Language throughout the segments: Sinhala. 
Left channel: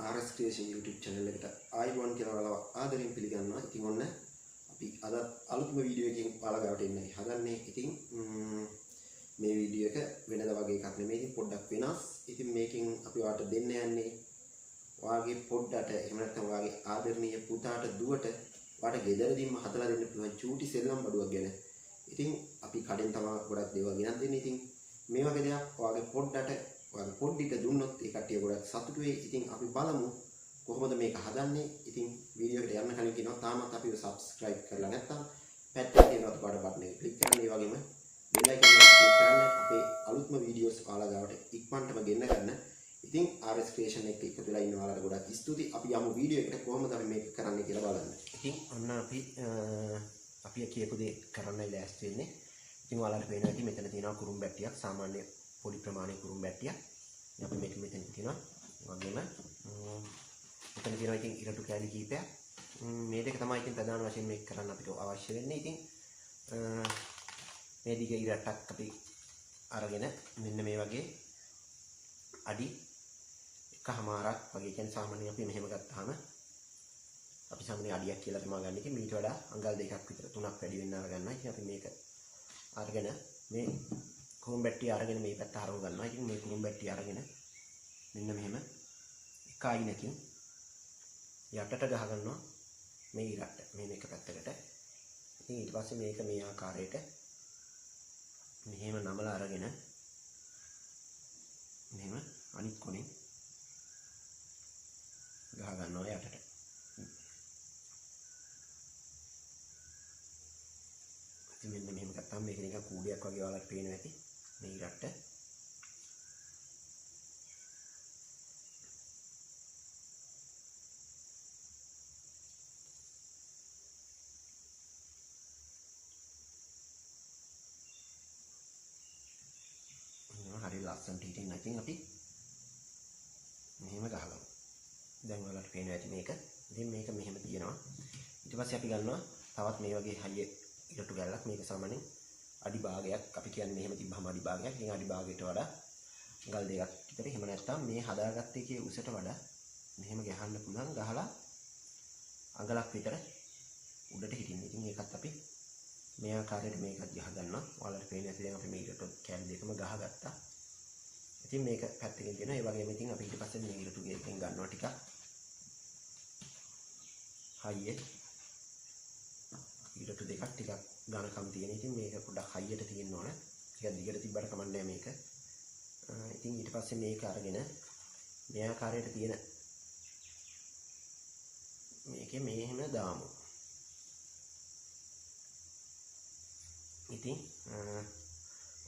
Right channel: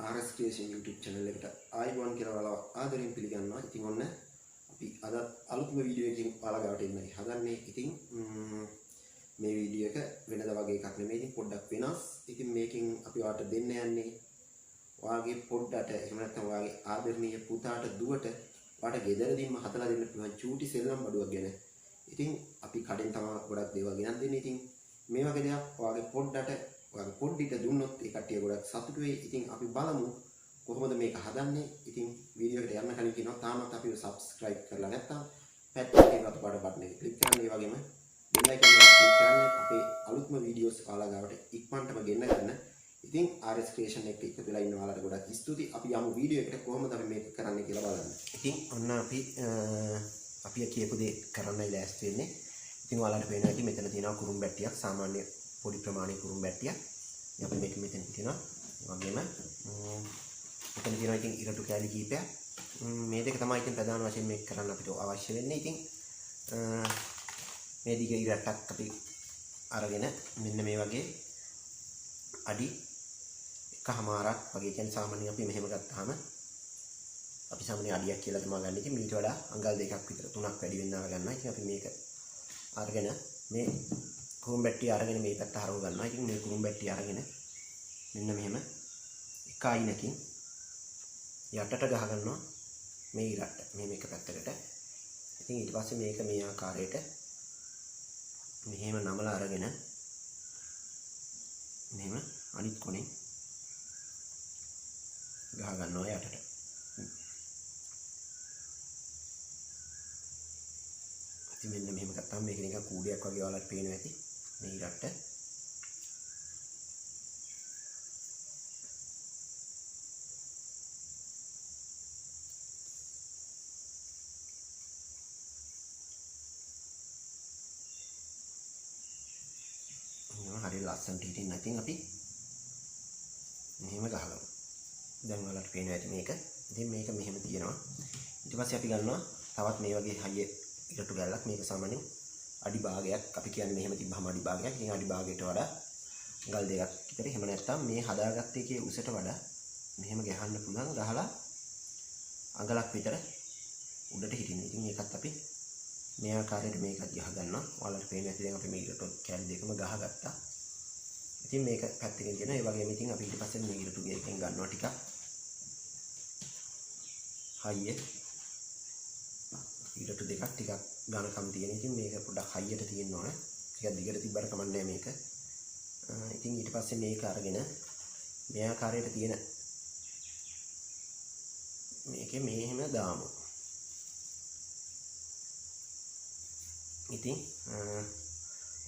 RS Creation YouTube channel එකට ආයිබෝන් කියලා ඔයාලව ආදරෙන් පිළිගන්නවා. ඉතින් ඔන්න අපි අද අලුත්ම වීඩියෝ එකකින් ඔයාලා ගාවට එන්නයි හදන්නේ. ඉතින් මේ වීඩියෝ එක වෙනද වගේ එකක් නෙමෙයි. ඉතින් පොඩ්ඩක් වෙනස්. ඉතින් මේකෙන් අපි ඔයාලට දෙන්න යන්නේ ඔයාගේ පොඩ්ඩට එහෙම නැත්නම් ඔයාගේ ආදරණීය පුතාට දුවට ඔයාලට ගෙදරදීම හදලා දෙන්න පුළුවන් චූටි සෙල්ලම් බඩුවක් ගැන. ඉතින් අපි කඩෙන් තමයි ගොඩක් දේවල් ගෙනත් දෙන්නේ. ඉතින් මේ වගේ දෙයක් ඔයාගේ පොඩ්ඩට ඔයාගේ පොඩ්ඩිට දුන්නොත් ඒ කට්ටිය ගොඩක් සතුටු වෙයි. ඉතින් අපි බලමු කොහොමද මේක හදන්නේ. ඉතින් වීඩියෝ එකට යන්න කලින් කියනවා තාමත් අපිව subscribe කරලා නැත්නම් පැත්තේ තියෙන අතපාඩ බටන් එක ක්ලික් කරන්න. ඒ වගේම බෙල් අයිකන් එක ක්ලික් කරන්න අපේ අලුත්ම වීඩියෝස් ඔයාලා ගාවට ඉක්මනටම ගෙන්න ගන්න. ඉතින් RS Creation එක එකතු වෙලා ඉන්න ඔයාලට ගොඩක් ස්තුතියි. අපි යමු වීඩියෝ එකට කොහොමද අපි මේක කරන්නේ කියලා බලන්න. ඉතින් ඔන්න අපි කියපු දේ කරන්නයි ලෑස්ති වෙන්නේ. ඉතින් ඔයාලට පේනවා ඉතින් මෙතන තියෙනවා කුරුම්බැට්ටියක්, සාමාන්‍ය පොඩි ප්‍රමාණික කුරුම්බැට්ටියක්. අපි මේක මෙතන තියෙනවා. ඒ වගේම මෙතන තියෙනවා ඉතින් ඉරටු කෑලි කීපයක්. මේ දෙක තමයි ඉතින් ප්‍රධාන වශයෙන් මේක කරන්න අපිට අවශ්‍ය වෙන්නේ. ඉතින් මේ දිග ඉරටක් අපි අරගෙන මෙන්න මේ වගේ අඩි එකමාරක් වගේ කියන්නේ සාමාන්‍යයෙන් අපි මෙහෙම ගත්තාම අපි සාමාන්‍ය අඩියක් කියලා තමයි ගන්න. ඉතින් මීට වඩා අඟල් දෙකක් විතර තුනක් වැඩි වෙන්න අරගන්නවා. ඉතින් අපි මේක අරගෙන මේ කුරුම්බැට්ටිය අරගෙන මේ පැත්ත හරව ගන්නවා. ඉතින් මේ කුරුම්බැට්ටිය අරගෙන මෙන්න මෙහෙම එක අයිනකින් යටට ගහ ගන්නවා මේ ඉරට මෙහෙම එක පැත්තකට. ඉතින් ඊට පස්සේ මේක මේ ආකාරයට මෙහෙම නමලා අරගෙන මෙහෙම අනිත් කොනේ ගහ ගන්නවා යටට. ඉතින් මෙන්න මෙහෙම ගත්තාම මේක නිකන් කූඩියක් වගේ ඔයාලට පේනවා ඇති මේ ඉරට. හරි ලස්සනට හිටින්න නැතිනම් අපි මෙහෙම ගහගමු. දැන් ඔයාලට පේනවා ඇති මේක. ඉතින් මේක මෙහෙම තියෙනවා. ඊට පස්සේ අපි ගන්නවා තවත් මේ වගේ හයිය ඉරටු ගැල්ලක්. මේක සාමාන්‍යයෙන් අඩි භාගයක් අපි කියන්නේ මෙහෙම තිබ්බම අඩි භාගයක්. ඉතින් අඩි භාගයට වඩා ගල් දෙකක් විතර. එහෙම නැත්නම් මේ හදාගත්ත එකේ උසට වඩා මෙහෙම ගහන්න පුළුවන්. ගහලා අඟලක් විතර උඩට හිටින්න. ඉතින් මේකත් අපි මේ ආකාරයට මේකත් ගහ ගන්නවා. ඔයාලට පේන්නේ නැති දැන් අපි මේ ඉරටු කැල් දෙකම ගහගත්තා. ඉතින් මේක පැත්තකින් ගෙන ඒ වගේම ඉතින් අපි ඊට පස්සේ මේ ඉරටු ගේකින් ගන්නවා ටිකක්. හයියේ ඉරටු දෙකක් ටිකක් ඝනකම් තියෙන. ඉතින් මේක පොඩ්ඩක් හයියට තියෙන්න ඕන. ටිකක් දිගට තිබ්බට කමන්නේ මේක. ඉතින් ඊට පස්සේ මේක අරගෙන මේ ආකාරයට තියෙන මේකේ මෙහෙම දාමු. ඉතින්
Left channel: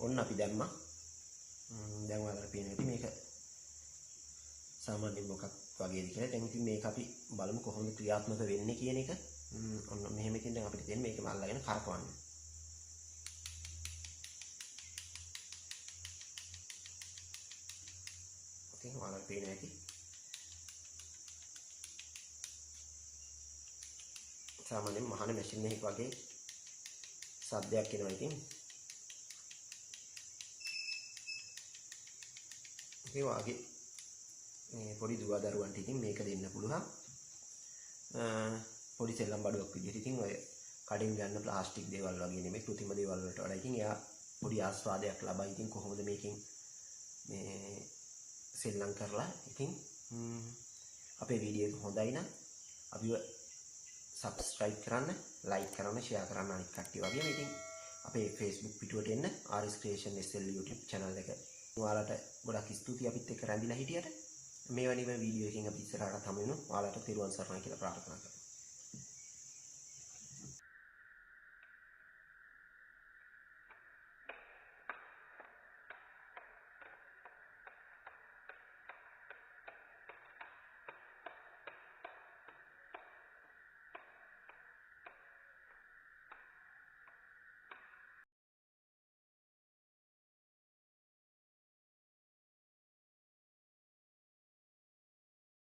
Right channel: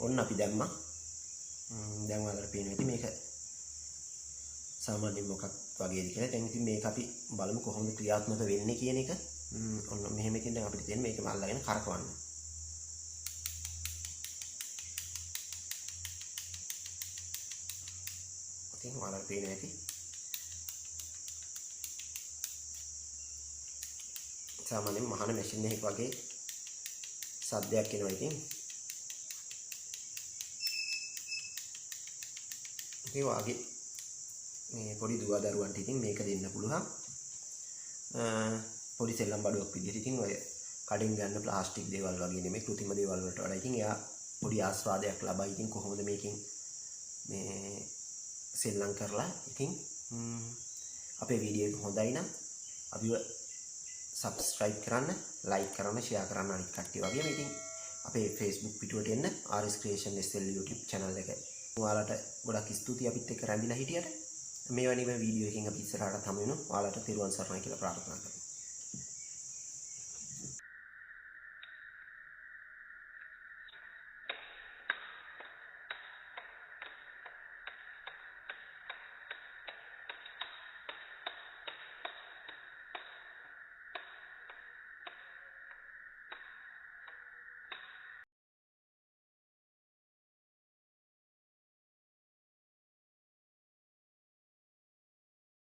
ඔන්න අපි දැම්මා. දැන් ඔයාලට පේනවා ඉතින් මේක සාමාන්‍යයෙන් මොකක් වගේද කියලා. දැන් ඉතින් මේක අපි බලමු කොහොමද ක්‍රියාත්මක වෙන්නේ කියන එක. ඔන්න මෙහෙම ඉතින් දැන් අපිට තියෙන්නේ මේක අල්ලගෙන කරකවන්න. ඉතින් ඔයාලට පේනවා ඇති සාමාන්‍යයෙන් මහන මැෂින් එකක් වගේ සද්දයක් එනවා. ඉතින් ඒ වගේ මේ පොඩි දුවදරුවන්ට ඉතින් මේක දෙන්න පුළුවන්. පොඩි සෙල්ලම් බඩුවක් විදිහට. ඉතින් ඔය කඩින් ගන්න ප්ලාස්ටික් දේවල් වගේ නෙමෙයි කෘතිම දේවල් වලට වඩා ඉතින් එයා පොඩි ආස්වාදයක් ලබයි. ඉතින් කොහොමද මේකෙන් මේ සෙල්ලම් කරලා. ඉතින් අපේ වීඩියෝ එක හොඳයි නම් අපිව subscribe කරන්න, like කරන්න, share කරන්න අනිත් කට්ටිය වගේම. ඉතින් අපේ Facebook පිටුවට එන්න RS Creation SL YouTube channel එක. ඔයාලට ගොඩක් ස්තුතියි අපිත් එක්ක රැඳිලා හිටියට. මේ වගේ වීඩියෝ එකකින් අපි ඉස්සරහට හමු වෙනවා. ඔයාලට තෙරුවන් සරණයි කියලා ප්‍රාර්ථනා කරනවා.